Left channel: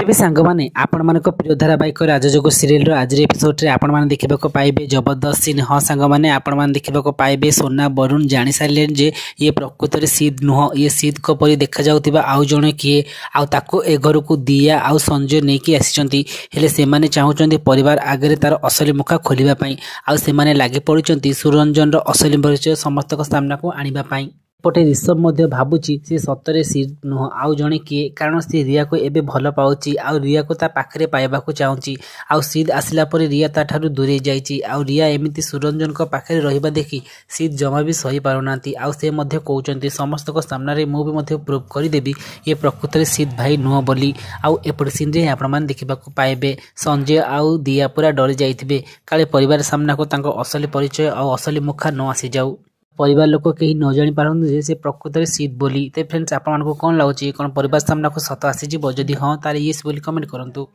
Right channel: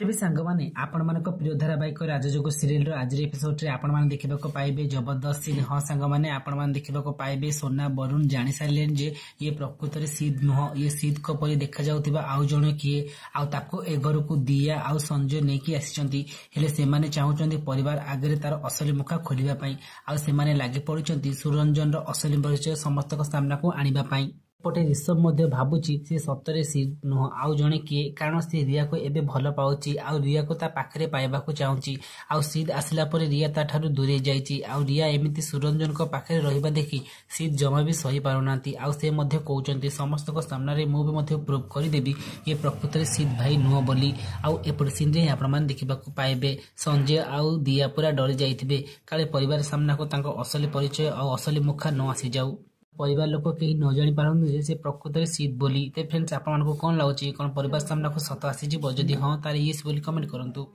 तेज सांग मैंने आपण मान प्रिय धारावाहिक राजजोग सीरियल आज एपिसोड आपण मैंने देखा पाइबे जबरदस्त सीन। हाँ सांग मैंने आपण मैंने देखा पाइबे सोना वरुण जानी सारे जे ये प्रकृत में सीध नुह ये सीध को परी देखा जाउतिबा आउ जणे किए आउ ए घर को दिया आउ संजय नहीं आसी से माने चाहूँगी परिवार आगे तार असली मुखा खोलने आउ से लगे पड़ी सुरंजन असली परिचय समस्त सामना को आने पटे ऋषभ भावुची सी सतरे सीध नुह आउ जणे किए कारण सी रिया को एबे भल पाउची आउ रिया को ता पाखरे पाइबा को चाहूची आउ सीध आसिला पर रिया ता ठारू दूरे जाइची आउ रिया एमिति सुरंजन को पाखरे रहिबा देखि सीध जमा भी सही पारुनांती आउ से मध्य कहउचंती समस्त को सामना रे मु भी मध्य प्रूव करि देबी ये प्रकृत रे सीध भाई नुह बोली। आउ एपट सीन रे आपण मान देखिबा को पाइबे संजय आउ दिया पूरा डरी जाइथिबे काले परिवार सामना को तांको असली परिचय आउ असली मुखा न आसी जाऊ परिवार लोक कहीं न जानी पारन से प्रकृत में सीध बोली। तो फ्रेंड्स आपको कौन लगुच कौन परिवार सामना को सत आसीज जदि हाँ तार येस बोली कमेंट करंतु।